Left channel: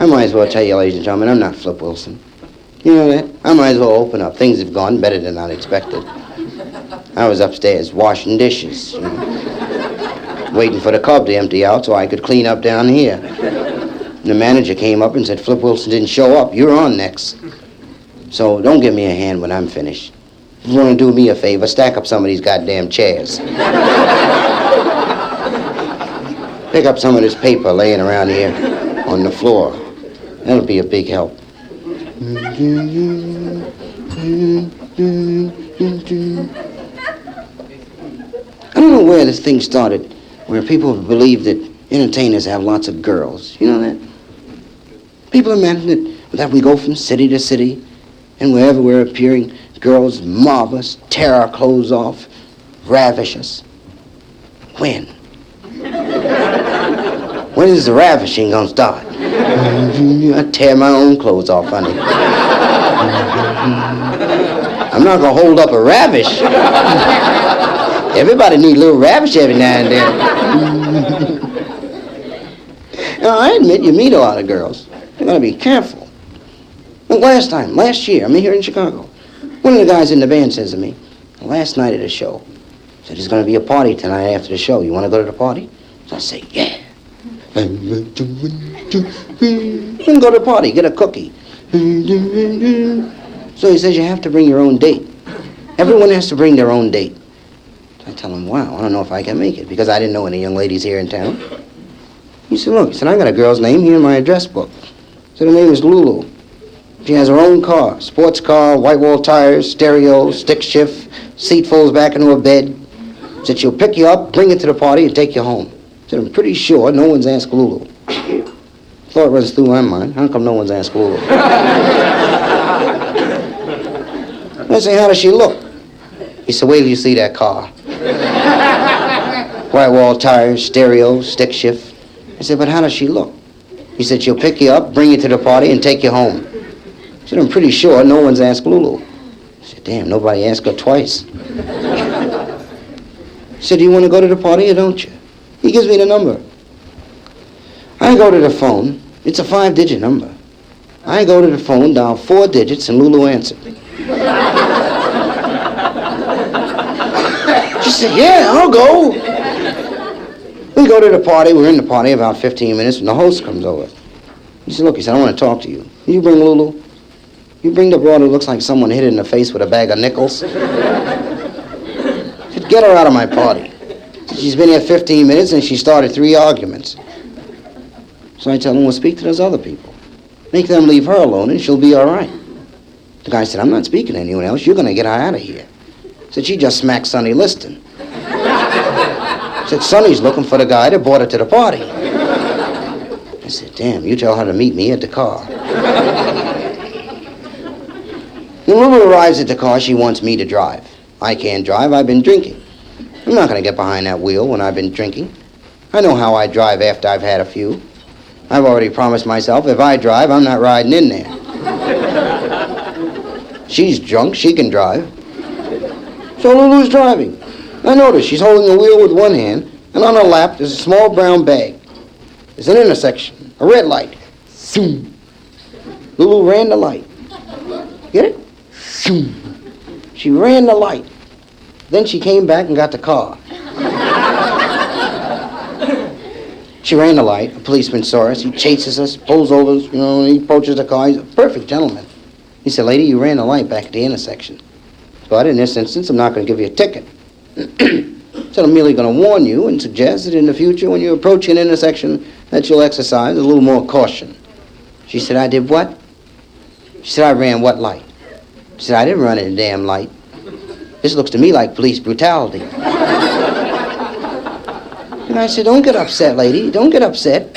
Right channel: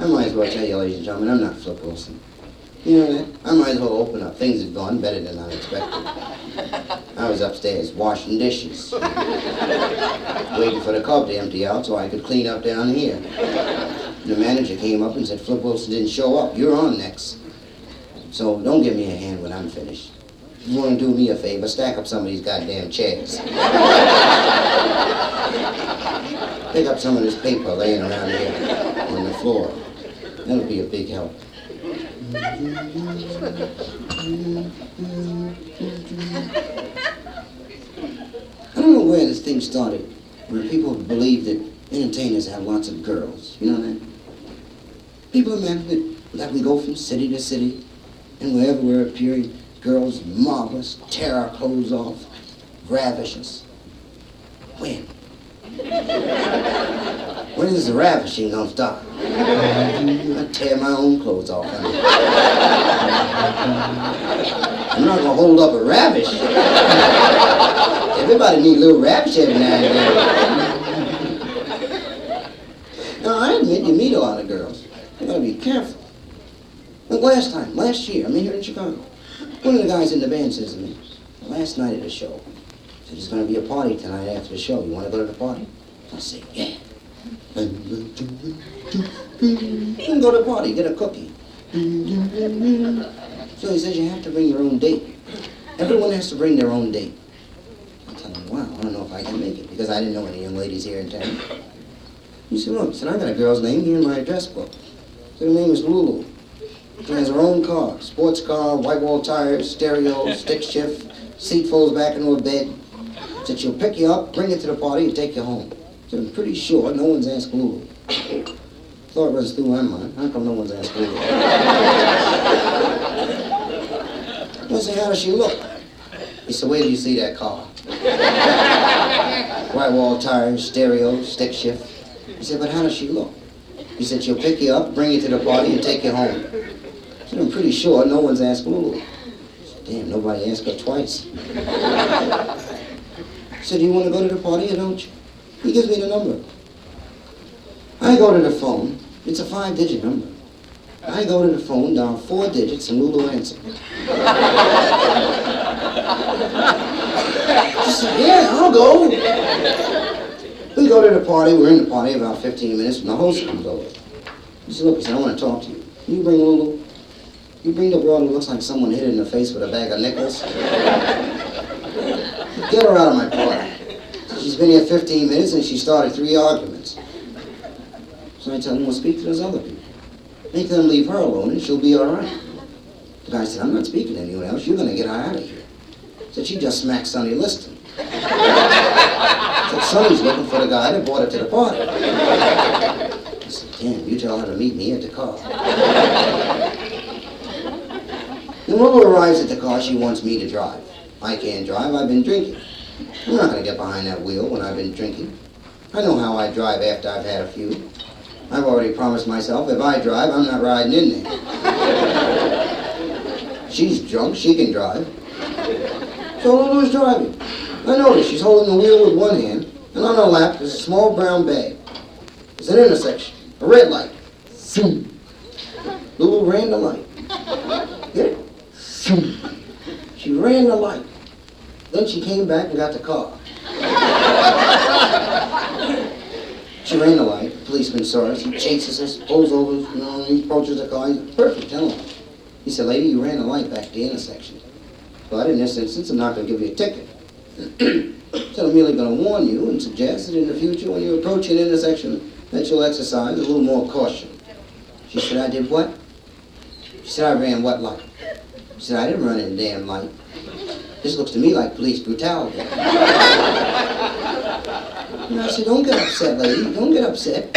I might as well tell you, ladies and gentlemen, I'm not Flip Wilson. You know that? I might as well open up. Things have gone better than I expected. I was upstairs washing dishes, waiting for the cub to empty out so I could clean up down here. And the manager came up and said, Flip Wilson didn't show up. You're on next. So don't give me a hand when I'm finished. If you want to do me a favor, stack up some of these goddamn chairs. Pick up some of this paper laying around here on the floor. That'll be a big help. I don't know where this thing started, where people believe that entertainers have lots of girls. You know that? People imagine that we go from city to city, and wherever we're appearing, girls mob us, tear our clothes off, ravish us. When? When is the ravishing gonna start? I tear my own clothes off, honey. I'm not gonna hold up a ravish. Everybody needs a little ravish every now and then. Now, I admit you meet a lot of girls. You gotta be careful. Well, last year, I'm here in Chicago. One of the guys in the band says to me, last night at a show, said there's gonna be a party tonight after the show. You wanna go to the party? So I say, yeah. You can go to the party, get a cookie. So he says you have to bring your own date. Everyone has to bring their own date. I tell him, wow, I don't know if I can make it, because I didn't know any young ladies here in town. He said, look, I got a girl's name here in my address book. He said, her name is Lulu. She has her own car, sports car, white wall tires, stereo, stick shift, seat folds back into her bed. He said she'll pick you up, bring you to the party, and take you home. He said, I'm pretty sure no one's asked Lulu. Thought runs through my mind, how come no one's asked Lulu? I say, how does she look? He said, wait till you see that car. White wall tires, stereo, stick shift. I said, but how does she look? He said, she'll pick you up, bring you to the party, and take you home. I said, I'm pretty sure no one's asked Lulu. I said, damn, nobody asked her twice. He said, do you want to go to the party or don't you? He gives me the number. I go to the phone. It's a 5-digit number. I go to the phone, dial 4 digits, and Lulu answered. She said, yeah, I'll go. We go to the party. We're in the party about 15 minutes when the host comes over. He said, look, I want to talk to you. You bring Lulu. You bring the broad who looks like someone hit her in the face with a bag of nickels. I said, get her out of my party. She's been here 15 minutes and she started 3 arguments. So I tell him, well, speak to those other people. Make them leave her alone and she'll be all right. The guy said, I'm not speaking to anyone else. You're going to get her out of here. Said, she just smacked Sonny Liston. Said, Sonny's looking for the guy that brought her to the party. I said, damn, you tell her to meet me at the car. When Lulu arrives at the car, she wants me to drive. I can't drive. I've been drinking. I'm not going to get behind that wheel when I've been drinking. I know how I drive after I've had a few. I've already promised myself if I drive, I'm not riding in there. She's drunk. She can drive. So Lulu's driving. I notice she's holding the wheel with one hand, and on her lap there's a small brown bag. There's an intersection, a red light. Zoom. Lulu ran the light. Get it? Zoom. She ran the light. Then she came back and got the car. She ran the light. A policeman saw us. He chases us, pulls over, and he approaches the car. He's a perfect gentleman. He said, lady, you ran the light back at the intersection. But in this instance, I'm not going to give you a ticket. So I'm merely going to warn you and suggest that in the future, when you approach an intersection, that you'll exercise a little more caution. She said, I did what? She said, I ran what light? She said, I didn't run any damn light. This looks to me like police brutality. And I said, don't get upset, lady. Don't get upset.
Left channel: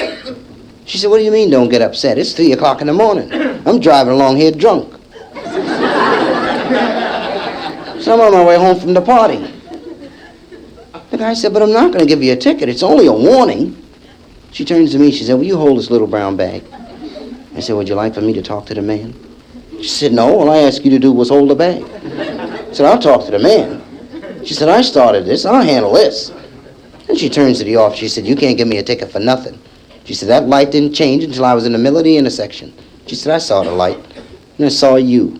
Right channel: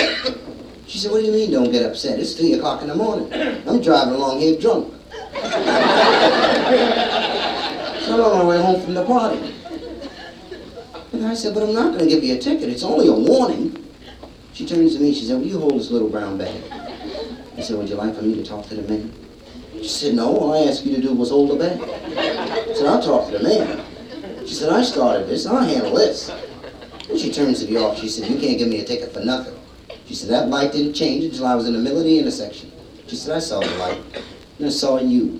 She said, what do you mean, don't get upset? It's 3 o'clock in the morning. I'm driving along here drunk. So I'm on my way home from the party. The guy said, but I'm not going to give you a ticket. It's only a warning. She turns to me. She said, will you hold this little brown bag? I said, would you like for me to talk to the man? She said, no. All I asked you to do was hold the bag. I said, I'll talk to the man. She said, I started this. I'll handle this. And she turns to the officer. She said, you can't give me a ticket for nothing. She said, that light didn't change until I was in the middle of the intersection. She said, I saw the light, and I saw you,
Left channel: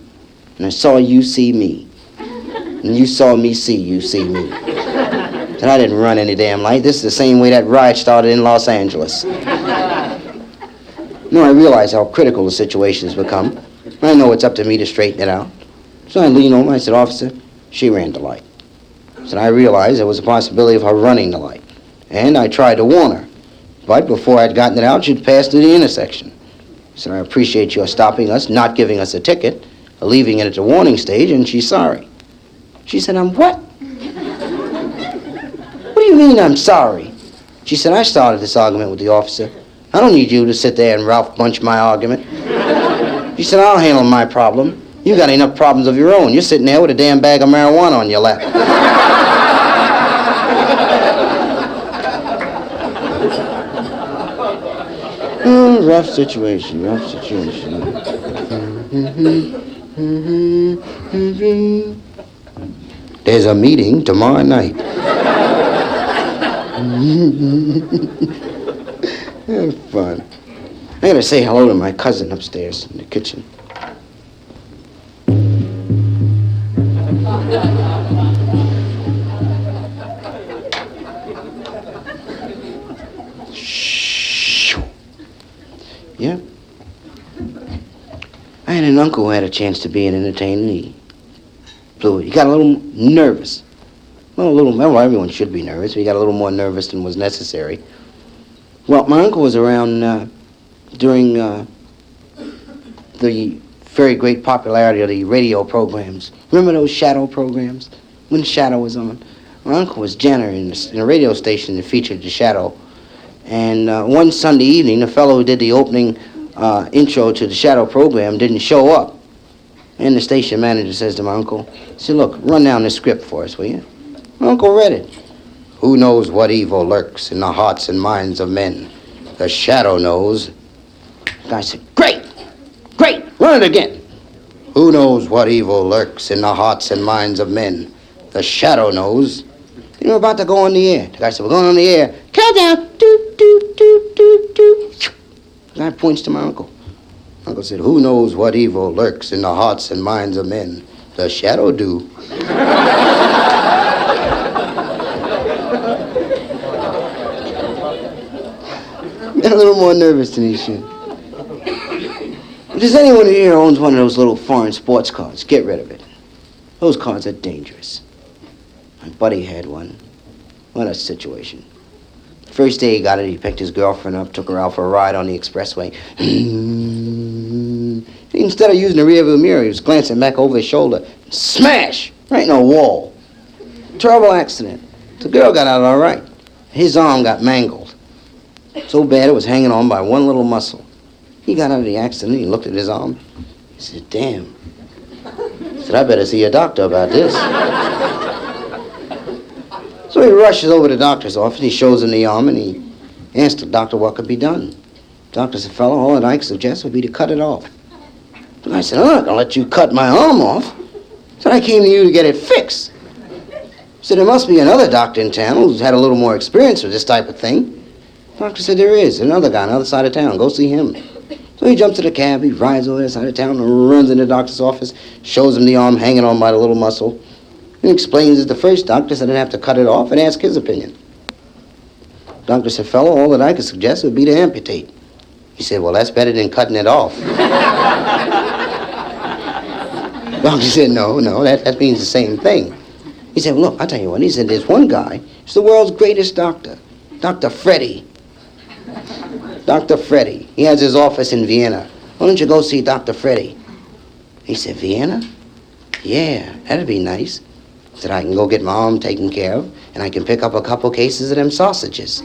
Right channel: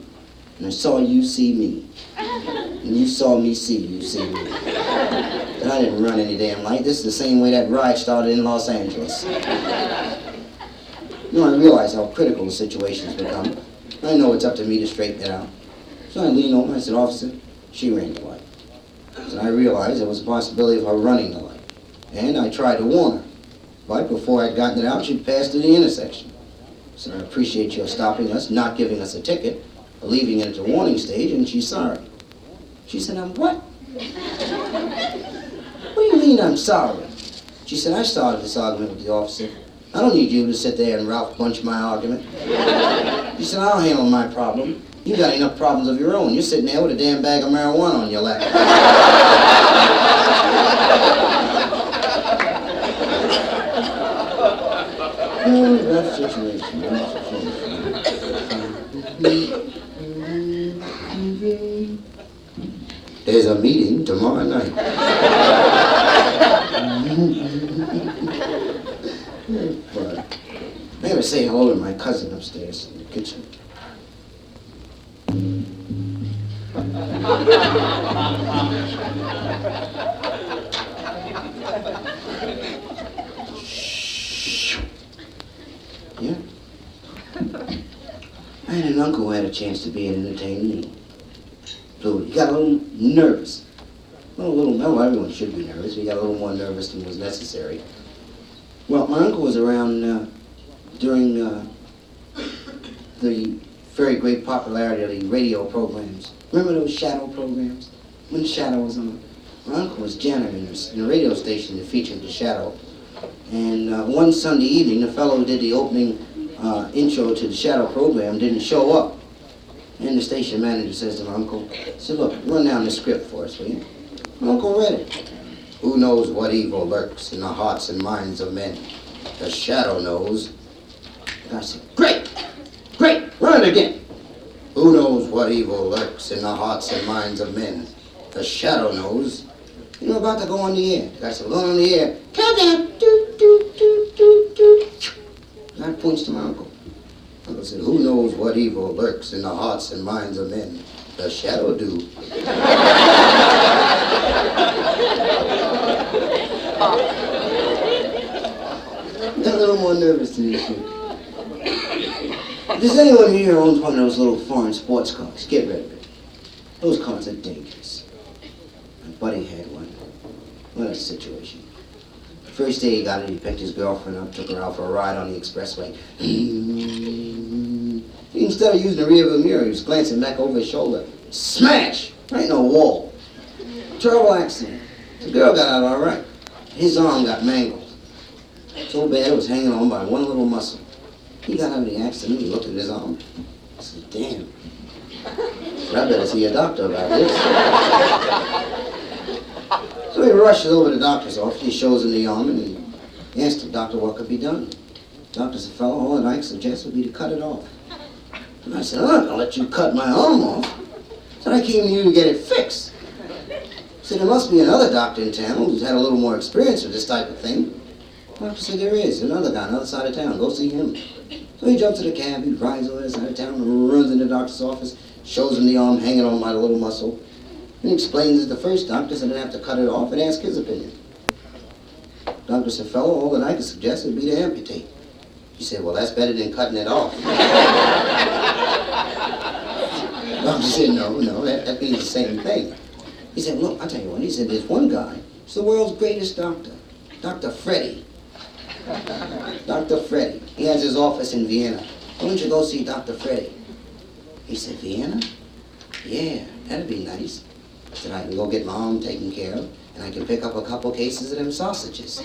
and I saw you see me, and you saw me see you see me. And I didn't run any damn light. This is the same way that riot started in Los Angeles. Now I realize how critical the situation has become. I know it's up to me to straighten it out. So I leaned over, I said, officer, she ran the light. So I realized there was a possibility of her running the light. And I tried to warn her. But before I'd gotten it out, she'd passed through the intersection. I said, I appreciate your stopping us, not giving us a ticket, leaving it at the warning stage, and she's sorry. She said, I'm what? What do you mean I'm sorry? She said, I started this argument with the officer. I don't need you to sit there and Ralph Bunch my argument. She said, I'll handle my problem. You got enough problems of your own. You're sitting there with a damn bag of marijuana on your lap. Oh, rough situation. There's a meeting tomorrow night. Have fun. I gotta say hello to my cousin upstairs in the kitchen. Shh. Yeah. I had an uncle who had a chance to be an entertainer. He got a little nervous. Well, everyone should be nervous, but he got a little more nervous than was necessary. Well, my uncle was around during the very great popularity of the radio programs. Remember those shadow programs? When the Shadow was on? My uncle was janitor in a radio station that featured the Shadow. And one Sunday evening, the fellow who did the opening intro to the Shadow program didn't show up. And the station manager says to my uncle, he said, look, run down this script for us, will you? My uncle read it. Who knows what evil lurks in the hearts and minds of men? The Shadow knows. The guy said, great, run it again. Who knows what evil lurks in the hearts and minds of men? The Shadow knows. You know, about to go on the air. The guy said, we're going on the air. Countdown. Doop, doop, doop, doop, doop. The guy points to my uncle. Uncle said, who knows what evil lurks in the hearts and minds of men? The Shadow do. Got a little more nervous than he should. If there's anyone here who owns one of those little foreign sports cars, get rid of it. Those cars are dangerous. My buddy had one. What a situation. First day he got it, he picked his girlfriend up, took her out for a ride on the expressway. Instead of using the rearview mirror, he was glancing back over his shoulder. Smash! Right in a wall. Terrible accident. The girl got out all right. His arm got mangled. So bad it was hanging on by one little muscle. He got out of the accident, he looked at his arm. He said, damn. He said, I better see a doctor about this. So he rushes over to the doctor's office, he shows him the arm, and he asks the doctor what could be done. The doctor said, fellow, all that I could suggest would be to cut it off. And I said, I'm not going to let you cut my arm off. So I came to you to get it fixed. So there must be another doctor in town who's had a little more experience with this type of thing. The doctor said, there is. Another guy on the other side of town. Go see him. So he jumps to the cab, he rides over the side of town and runs into the doctor's office, shows him the arm hanging on by the little muscle, and explains that the first doctor said I'd have to cut it off and ask his opinion. The doctor said, fellow, all that I could suggest would be to amputate. He said, well, that's better than cutting it off. The doctor said, no, that means the same thing. He said, well, look, I'll tell you what. He said, there's one guy, he's the world's greatest doctor, Dr. Freddy. Dr. Freddy. He has his office in Vienna. Why don't you go see Dr. Freddy? He said, Vienna? Yeah, that'd be nice. I said, I can go get my arm taken care of, and I can pick up a couple cases of them sausages.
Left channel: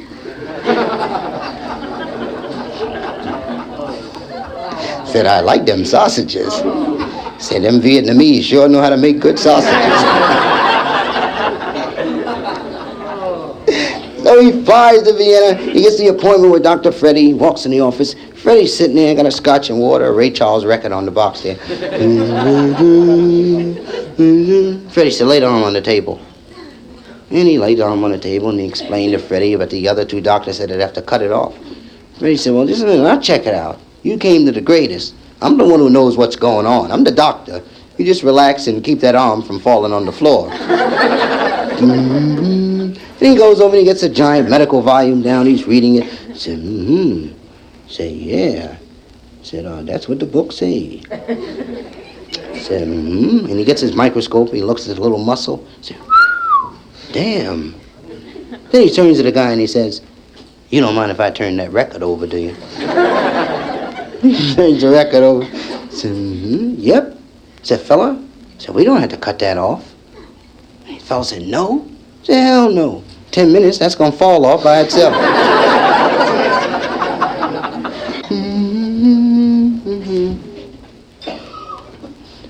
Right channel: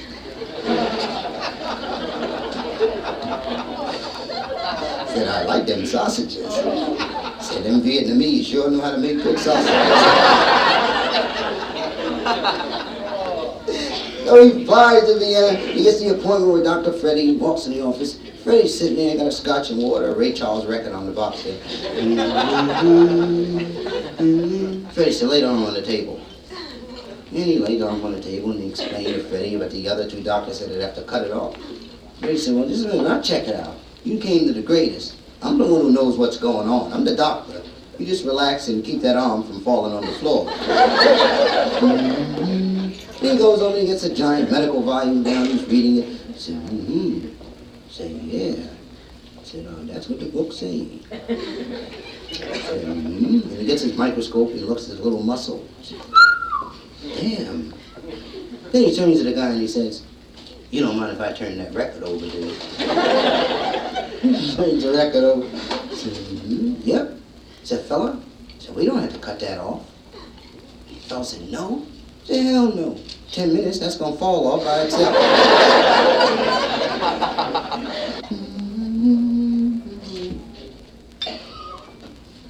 Said, I like them sausages. Said, them Vietnamese sure know how to make good sausages. So he flies to Vienna, he gets the appointment with Dr. Freddy, walks in the office. Freddy's sitting there, got a scotch and water, a Ray Charles record on the box there. Freddy said, lay the arm on the table. And he laid the arm on the table and he explained to Freddy about the other two doctors said they'd have to cut it off. But he said, well, just a minute, I'll check it out. You came to the greatest. I'm the one who knows what's going on. I'm the doctor. You just relax and keep that arm from falling on the floor. Then he goes over and he gets a giant medical volume down. He's reading it. He said, Say, yeah. Said, that's what the book say. Said, And he gets his microscope. He looks at the little muscle. Said, damn. Then he turns to the guy and he says, you don't mind if I turn that record over to you? He turns the record over. Said, yep. Said, fella, said, we don't have to cut that off. And the fella said, no. Said, hell no. 10 minutes, that's gonna fall off by itself.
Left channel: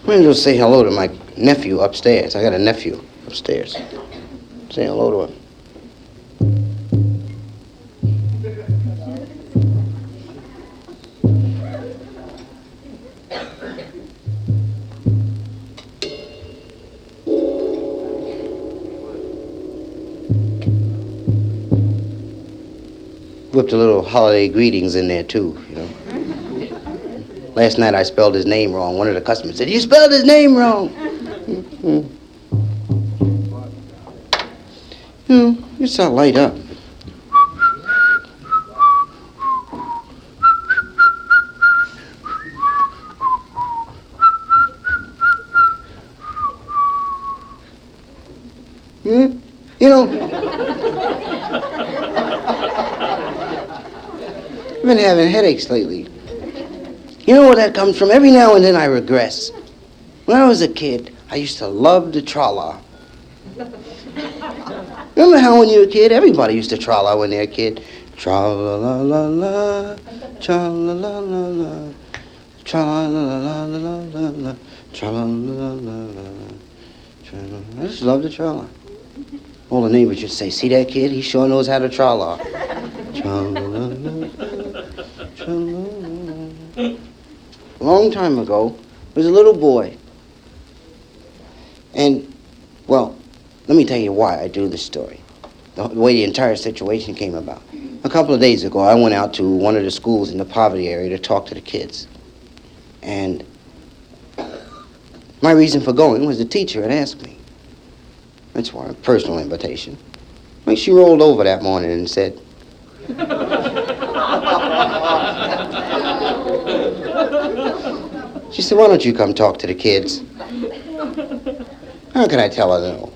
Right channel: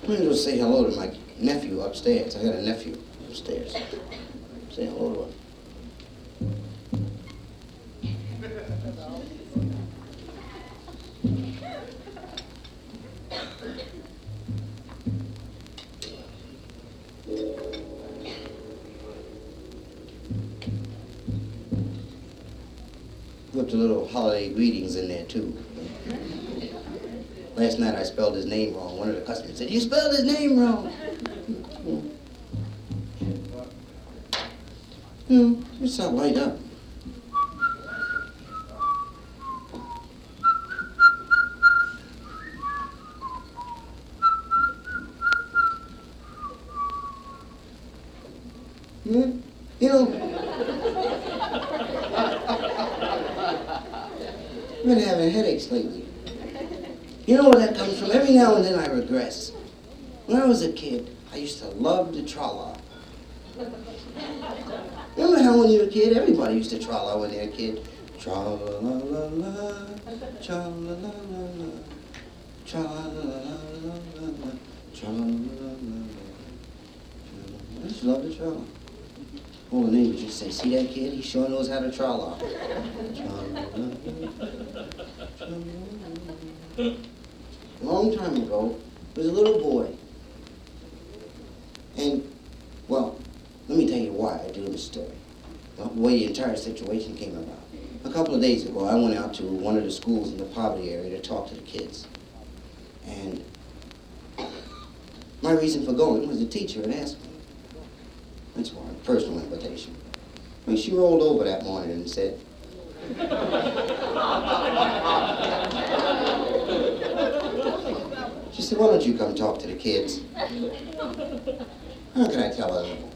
I'm gonna go say hello to my nephew upstairs. I got a nephew upstairs. Say hello to him. Whipped a little holiday greetings in there, too, you know. Last night I spelled his name wrong. One of the customers said, you spelled his name wrong. You know, you start light up. You know, I've been having headaches lately. You know where that comes from? Every now and then I regress. When I was a kid, I used to love the tra-la. Remember how when you were a kid, everybody used to tra-la when they were a kid? Tra-la-la-la-la, tra-la-la-la-la, tra-la-la-la-la-la, tra-la-la-la-la. I just love the tra-la. All the neighbors would say, see that kid? He sure knows how to tra-la. Tra-la-la-la, tra-la-la. A long time ago, there was a little boy. And, well, let me tell you why I do this story. The way the entire situation came about. A couple of days ago, I went out to one of the schools in the poverty area to talk to the kids. And my reason for going was the teacher had asked me. That's why, a personal invitation. Like she rolled over that morning and said, she said, why don't you come talk to the kids? How can I tell her no?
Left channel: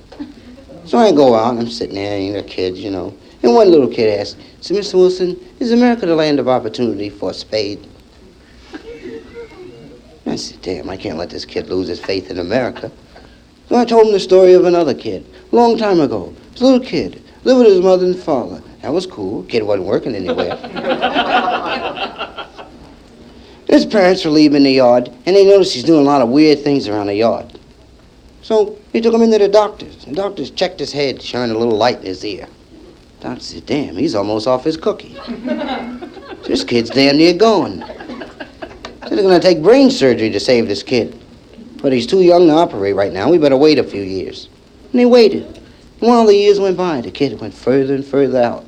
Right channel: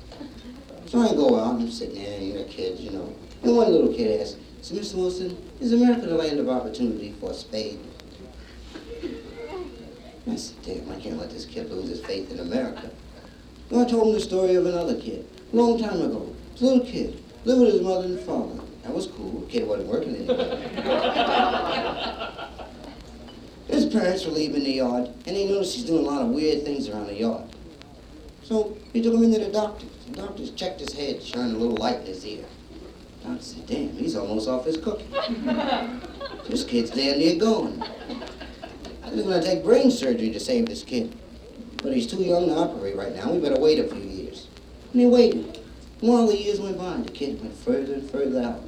So I go out, and I'm sitting there, and the kids, you know. And one little kid asked, said, Mr. Wilson, is America the land of opportunity for a spade? I said, damn, I can't let this kid lose his faith in America. So I told him the story of another kid, a long time ago. This little kid, lived with his mother and father. That was cool. Kid wasn't working anywhere. His parents were leaving the yard, and they noticed he's doing a lot of weird things around the yard. So he took him into the doctor's. The doctors checked his head, shined a little light in his ear. The doctor said, damn, he's almost off his cookie. This kid's damn near gone. They're going to take brain surgery to save this kid. But he's too young to operate right now. We better wait a few years. And they waited. And while the years went by, the kid went further and further out.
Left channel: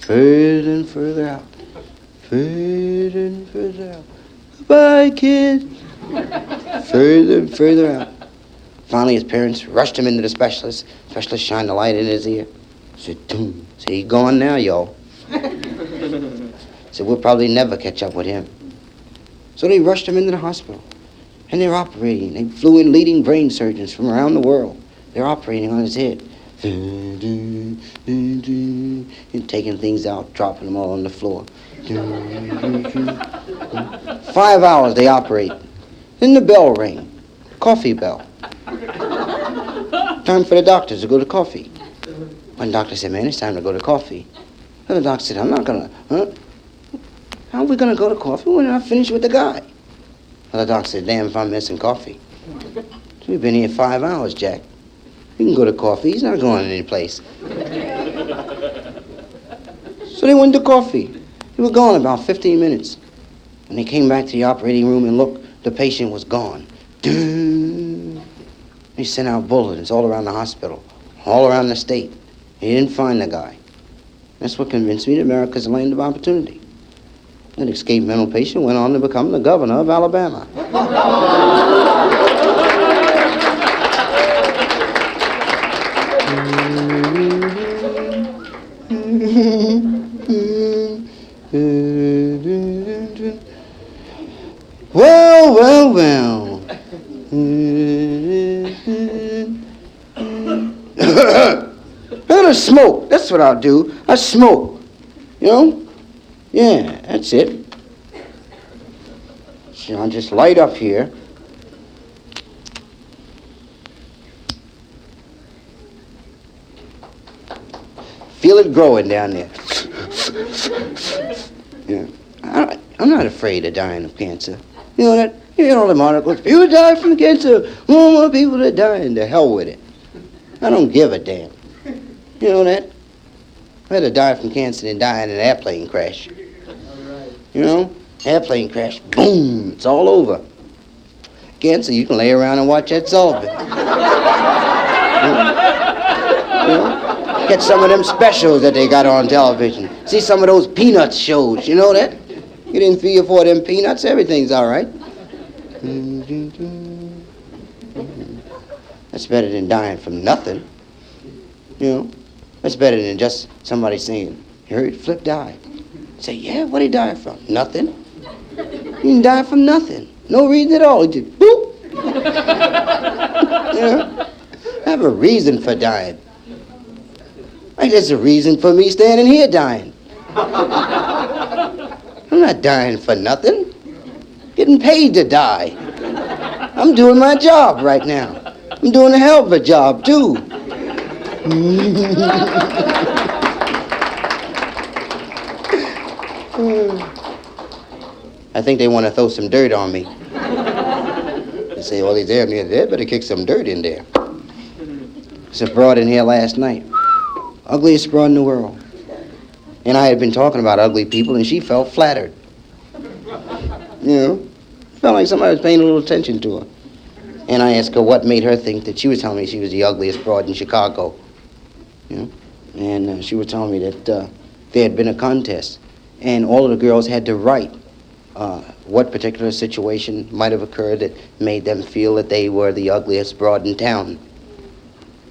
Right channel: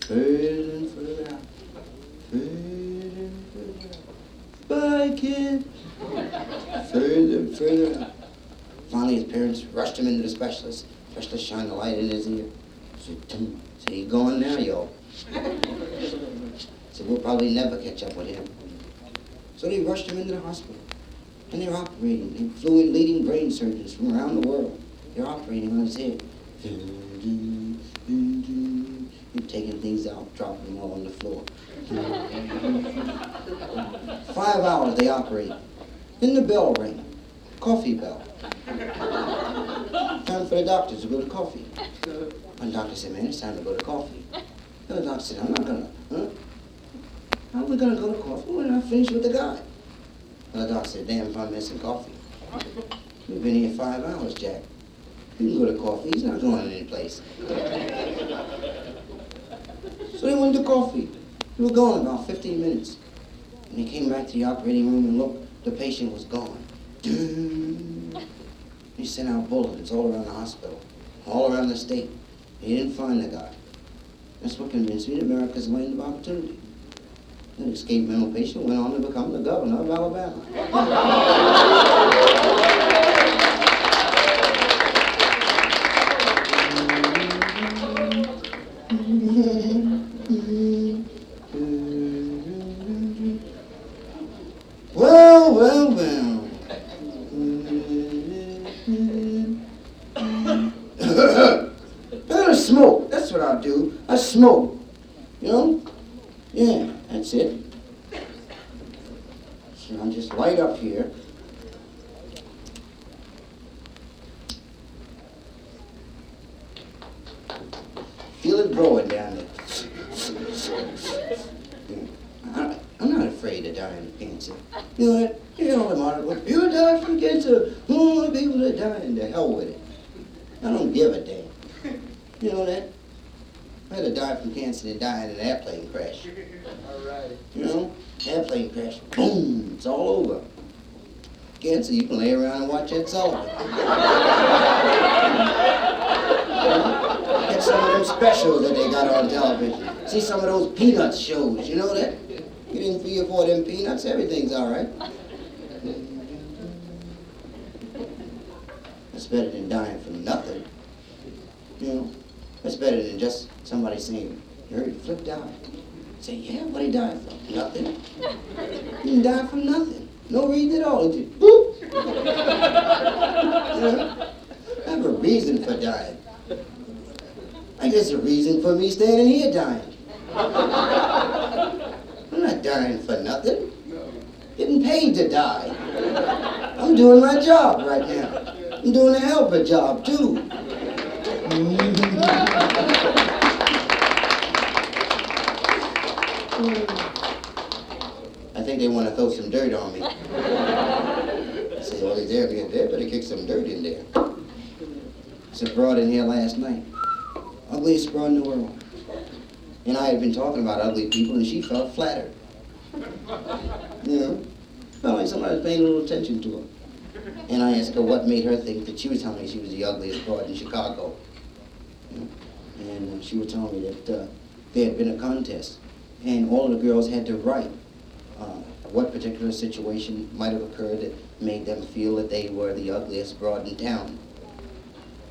Further and further out. Further and further out. Goodbye, kid. Further and further out. Finally, his parents rushed him into the specialist. The specialist shined the light in his ear. Said, doom. Said, he's gone now, y'all. Said, we'll probably never catch up with him. So they rushed him into the hospital. And they're operating. They flew in leading brain surgeons from around the world. They're operating on his head. And taking things out, dropping them all on the floor. 5 hours they operate. Then the bell rang. Coffee bell. Time for the doctors to go to coffee. One doctor said, man, it's time to go to coffee. Another doctor said, I'm not gonna, How are we gonna go to coffee when I finish with the guy? Another doctor said, damn if I'm missing coffee. So we've been here 5 hours, Jack. We can go to coffee. He's not going any place. So they went to coffee. They were gone about 15 minutes. When they came back to the operating room and looked, the patient was gone. They sent out bulletins all around the hospital, all around the state. They didn't find the guy. That's what convinced me that America's a land of opportunity. That escaped mental patient went on to become the governor of Alabama. Well, well, well. I'm gonna smoke. That's what I'll do. I smoke. You know? Yeah, that's it. So I'll just light up here. Feel it growing down there. Yeah. I'm not afraid of dying of cancer. You know that? You hear all the articles. People die from cancer. More people that die, and to hell with it. I don't give a damn. You know that? I'd rather die from cancer than die in an airplane crash. All right. You know? Airplane crash, boom, it's all over. Cancer, you can lay around and watch that solve it. You know? Get some of them specials that they got on television. See some of those Peanuts shows, you know that? Get in 3 or 4 of them Peanuts, everything's all right. That's better than dying from nothing. You know? That's better than just somebody saying, you heard Flip died. Say, yeah, what did he die from? Nothing. He didn't die from nothing. No reason at all. He just, boop. You know? I have a reason for dying. Like there's a reason for me standing here dying. I'm not dying for nothing. Getting paid to die. I'm doing my job right now. I'm doing a hell of a job, too. I think they want to throw some dirt on me. They say, well, he's there near there, better kick some dirt in there. There's a broad in here last night. Ugliest broad in the world. And I had been talking about ugly people, and she felt flattered. You know? Felt like somebody was paying a little attention to her. And I asked her what made her think that she was telling me she was the ugliest broad in Chicago. You know? And she was telling me that there had been a contest, and all of the girls had to write what particular situation might have occurred that made them feel that they were the ugliest broad in town.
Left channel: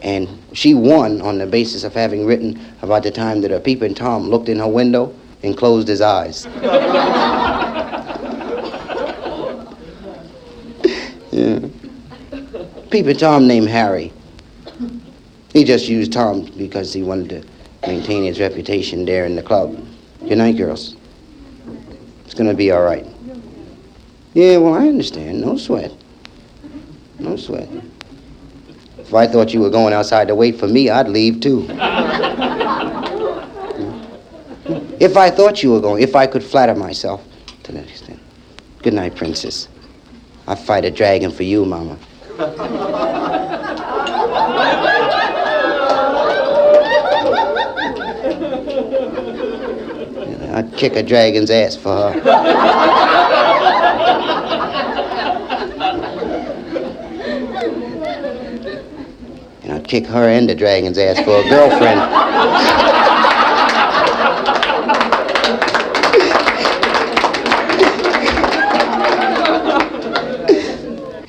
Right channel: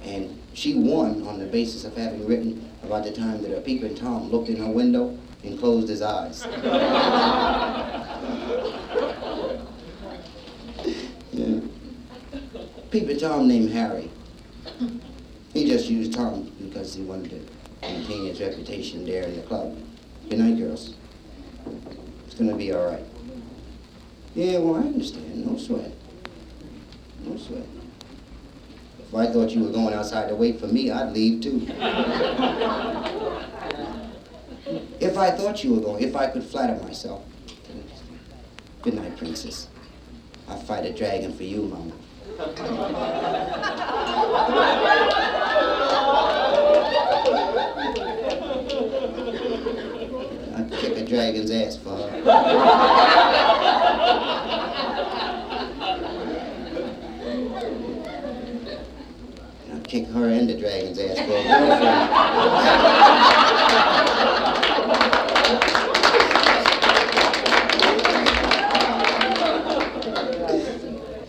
And she won on the basis of having written about the time that a peeping Tom looked in her window and closed his eyes. Yeah. Peeping Tom named Harry. He just used Tom because he wanted to maintain his reputation there in the club. Good night, girls. It's gonna be all right. Yeah, well, I understand. No sweat. No sweat. If I thought you were going outside to wait for me, I'd leave too. If I thought you were going, if I could flatter myself to that extent. Good night, princess. I'd fight a dragon for you, Mama. I'd kick a dragon's ass for her. And I'd kick her and the dragon's ass for a girlfriend.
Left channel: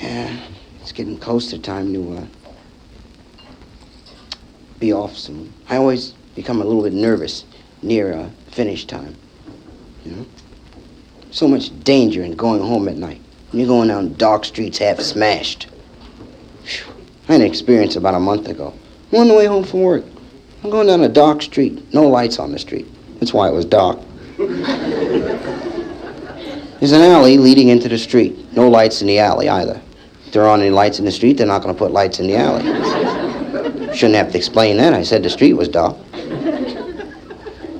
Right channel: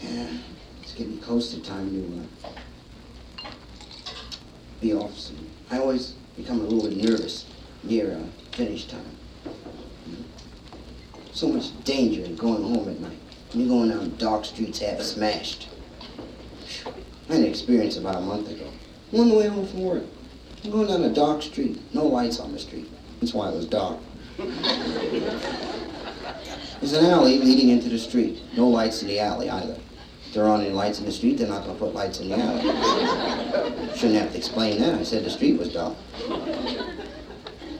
Yeah, it's getting close to time to be off soon. I always become a little bit nervous near finish time. You know? So much danger in going home at night. You're going down dark streets half smashed. Whew. I had an experience about a month ago. I'm on the way home from work. I'm going down a dark street. No lights on the street. That's why it was dark. There's an alley leading into the street. No lights in the alley either. If there aren't any lights in the street, they're not going to put lights in the alley. Shouldn't have to explain that. I said the street was dark.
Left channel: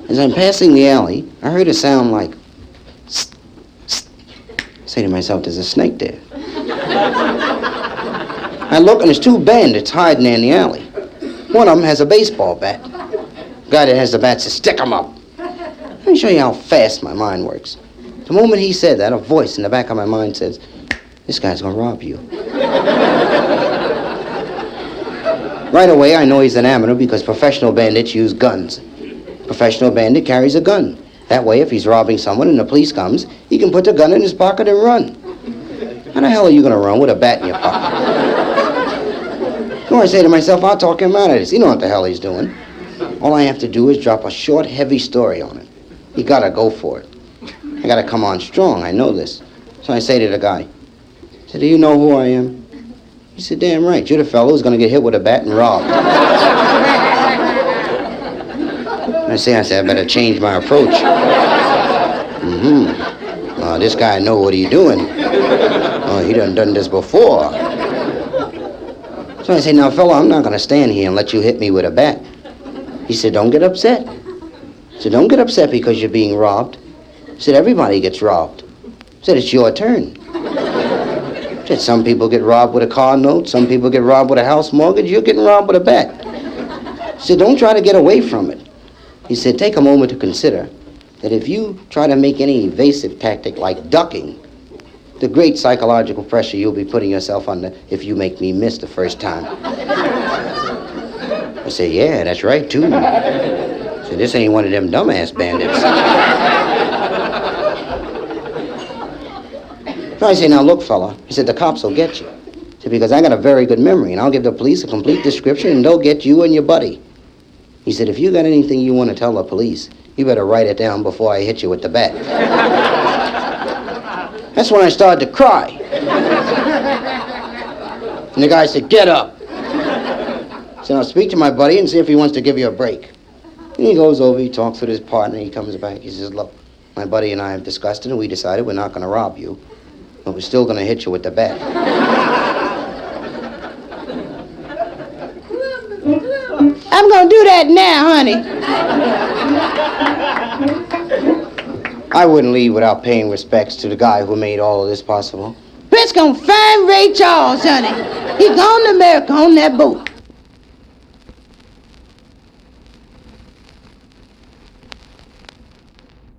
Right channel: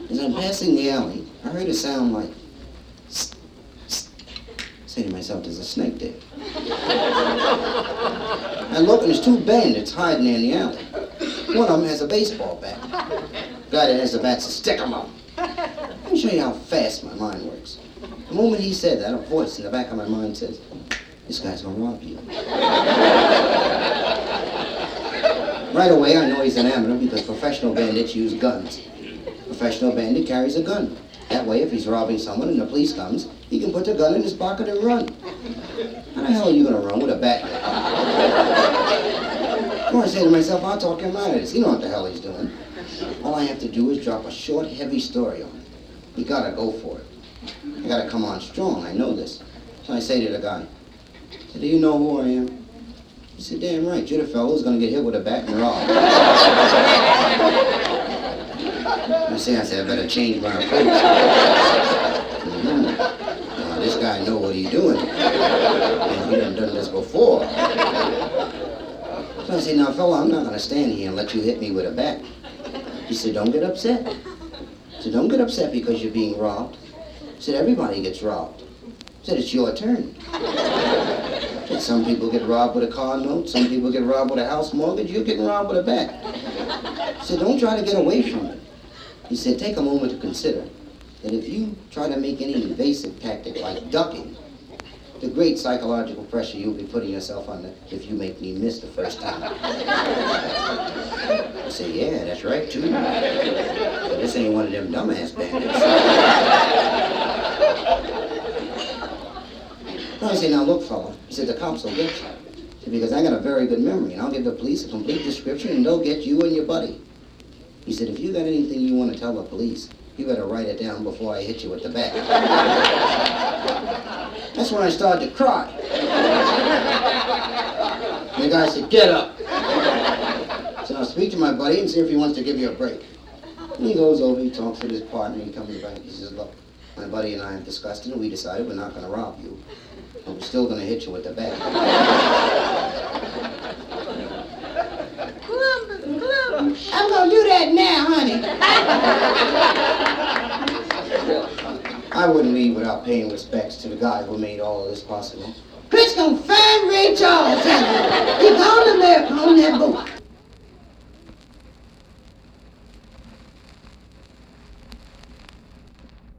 As I'm passing the alley, I heard a sound like, "Sst, sst." Say to myself, there's a snake there. I look, and there's 2 bandits hiding there in the alley. One of them has a baseball bat. The guy that has the bat says, stick 'em up. Let me show you how fast my mind works. The moment he said that, a voice in the back of my mind says, this guy's gonna rob you. Right away, I know he's an amateur because professional bandits use guns. Professional bandit carries a gun. That way, if he's robbing someone and the police comes, he can put the gun in his pocket and run. How the hell are you going to run with a bat in your pocket? So I say to myself, I'll talk him out of this. He don't know what the hell he's doing. All I have to do is drop a short, heavy story on it. You got to go for it. I got to come on strong. I know this. So I say to the guy, I said, do you know who I am? He said, damn right. You're the fellow who's going to get hit with a bat and robbed. I said, I better change my approach. This guy know what he's doing. He done this before. So I say, now, fella, I'm not going to stand here and let you hit me with a bat. He said, don't get upset. I said, don't get upset because you're being robbed. He said, everybody gets robbed. I said, it's your turn. I said, some people get robbed with a car note. Some people get robbed with a house mortgage. You're getting robbed with a bat. He said, don't try to get away from it. He said, take a moment to consider that if you try to make any evasive tactic like ducking, the great psychological pressure you'll be putting yourself under if you make me miss the first time. I said, yeah, that's right, too. I said, this ain't one of them dumbass bandits. So I say, now look, fella. He said, the cops will get you. I said, because I got a very good memory, and I'll give the police a complete description, and they'll get you and your buddy. He said, if you got anything you want to tell the police, you better write it down before I hit you with the bat. That's when I started to cry. And the guy said, get up. I said, I'll speak to my buddy and see if he wants to give you a break. And he goes over, he talks with his partner, he comes back, he says, look, my buddy and I have discussed it, and we decided we're not going to rob you, but we're still going to hit you with the bat. I'm going to do that now, honey. I wouldn't leave without paying respects to the guy who made all of this possible. Chris gonna find Ray Charles, honey. He gone to America on that boat.